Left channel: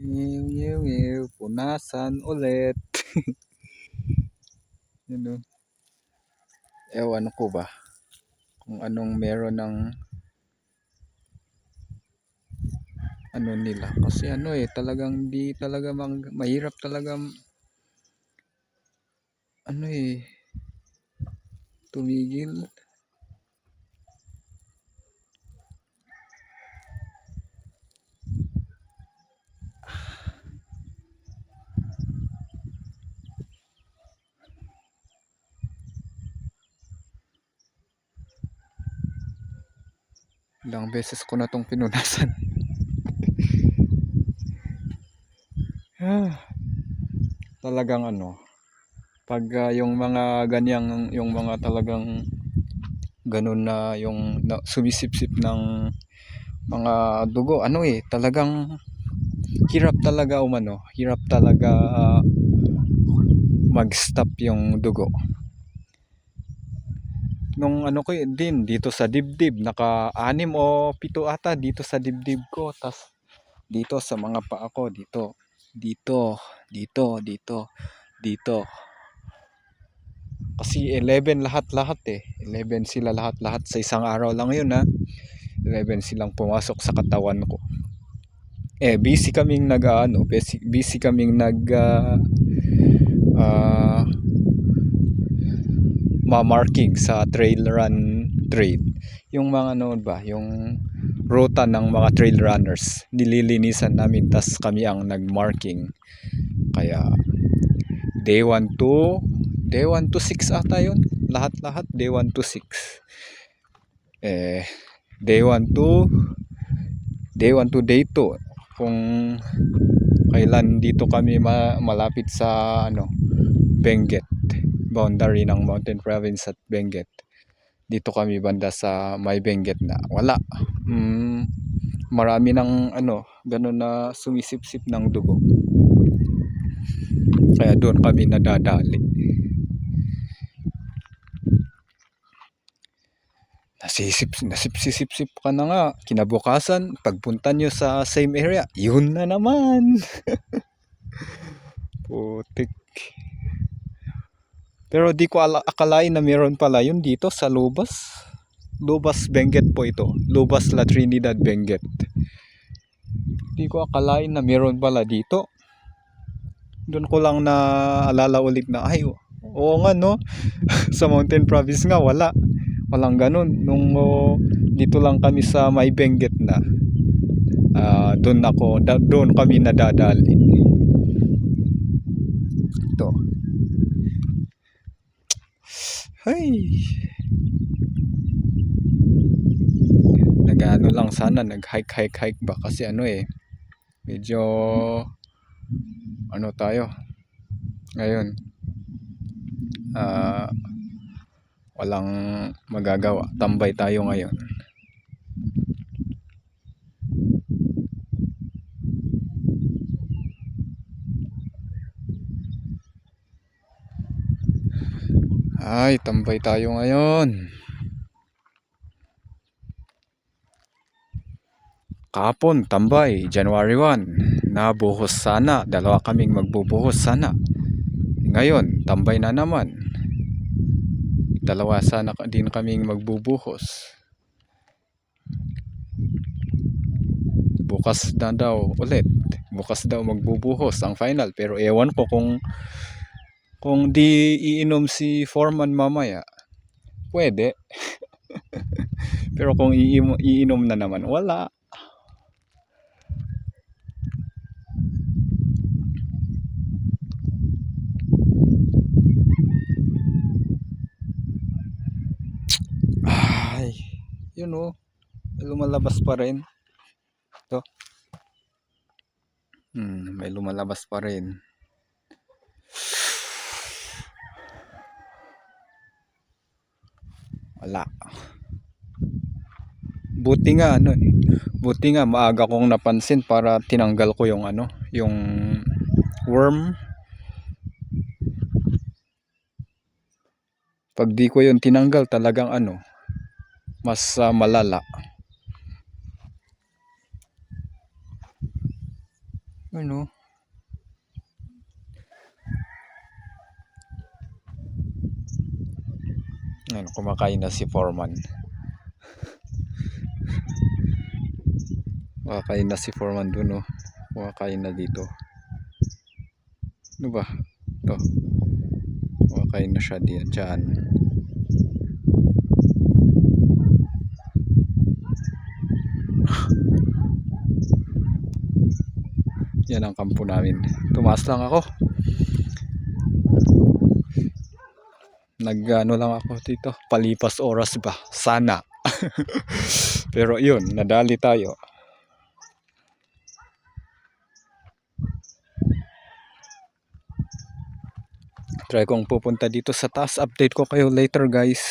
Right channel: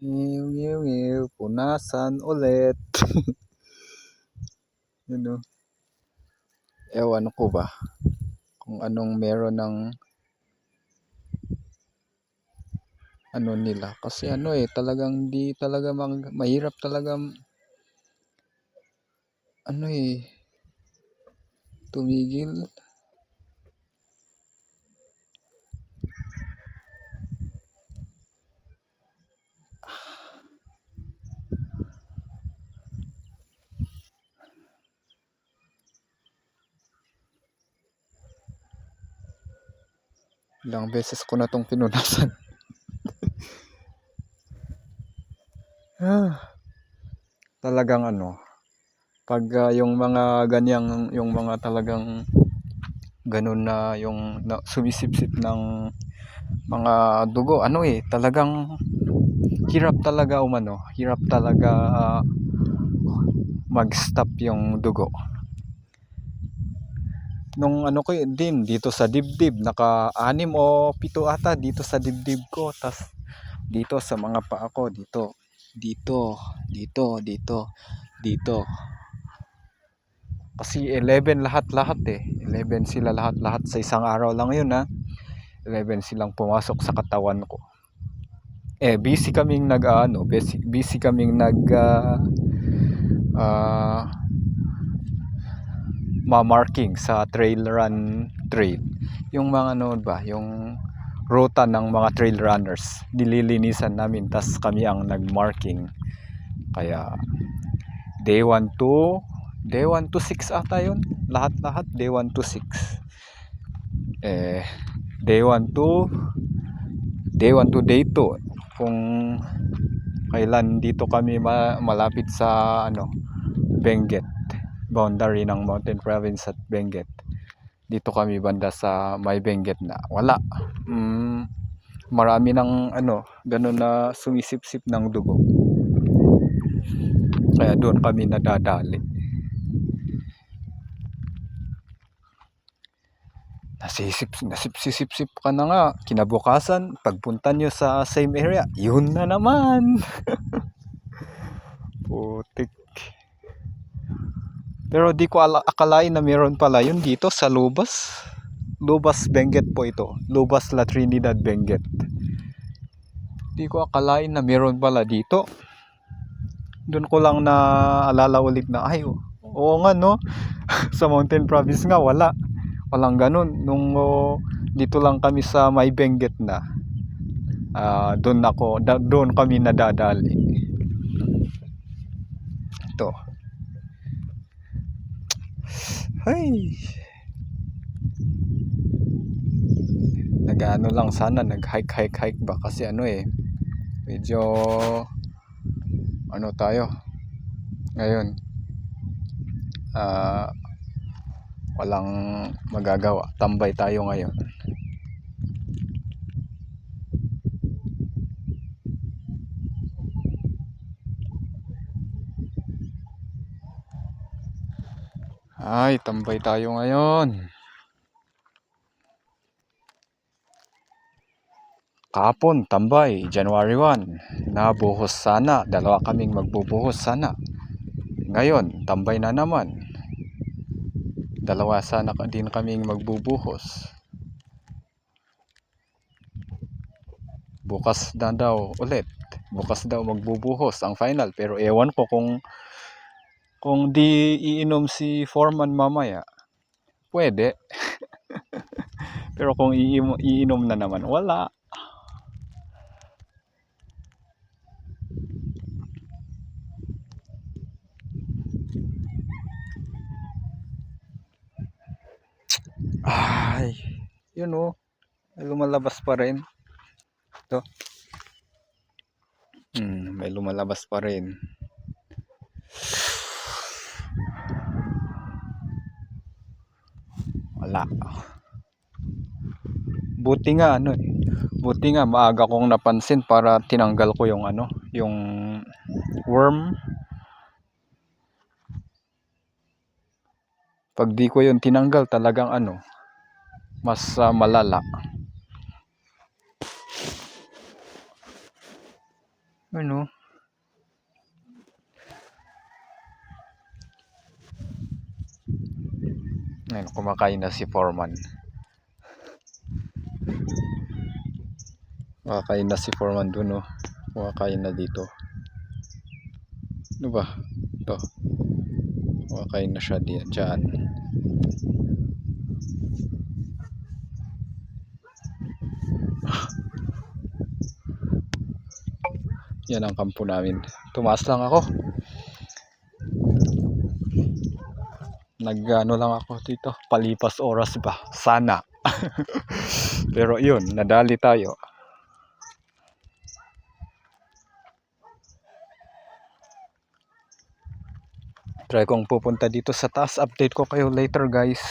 Ngiw, ngiw, ngiw, punasan ulit. Yun o. Ewan ko ba kung anong meron ng ano nila. Kasi ano talagang di talaga mahirap talaga ano tumigil. Ilang beses ko na tong pinunasan. Talagang ano, pag yung mga ganyang, yung mga talagang ganun na yung sumisipsip ng mga dugo, ano talagang hirap talaga hirap talaga mag-stop yung dugo. Nung ano ko din dito sa dibdib, naka-6 o 7 ata dito sa dibdib ko, tas dito sa mga paa ko, dito, dito, dito. Kasi 11 lahat-lahat 11 sila lahat-lahat sa isang araw lang yun 11 silang pumasok sa katawan ko. Busy kaming busy kaming ma-marking sa trail trail. Yung mga yung ruta ng mga trail runners, nililinisan namin, tas kami ang nag-marking. Kaya day 1 to 6 ata yun, lahat-lahat day 1 to 6. Day 1 to day 2 kung kailan dito kami malapit sa Benguet, boundary ng Mountain Province at Benguet. Dito kami banda sa may Benguet na wala, marami ng ganun na sumisipsip ng dugo, kaya doon kami nadadali. Nasipsip ka na nga, kinabukasan pagpunta nyo sa same area, yun na naman. Putik. Pero di ko akalain na meron pala yun dito sa Lubas Benguet po ito, Lubas La Trinidad Benguet. Di ko akalain na meron pala dito. Doon ko lang na alala ulit na oo nga sa Mountain Province nga walang ganun. Nung dito lang kami sa may Benguet na, doon kami nadadali. Ito, nag-ano lang sana, nag-hike ba, kasi medyo tayo ngayon, walang magagawa, tambay tayo ngayon. Tambay tayo ngayon. Kahapon tambay, January 1, nabuhos sana, 2 kaming magbubuhos sana. Ngayon tambay na naman, 2 sana din kaming magbubuhos. Bukas na daw ulit, bukas daw magbubuhos ang final, pero ewan ko kung di iinom si Foreman mamaya, pwede. Pero kung iinom na naman, wala. Yun may lumalabas pa rin. Ito. May lumalabas pa rin. Wala. Buti nga maaga kong napansin para tinanggal ko yung yung worm. Pag di ko yun tinanggal, talagang mas malala. Ano? Ayun, kumakain na si Foreman. Kumakain na si Foreman dun, oh. Kumakain na dito. Ano ba? Ito. Kumakain na siya dyan. Yan ang kampo namin. Tumaas lang ako. Nag-ano lang ako dito. Palipas oras ba? Sana. Pero yun, nadali tayo. Try kong pupunta dito sa taas. Update ko kayo later, guys.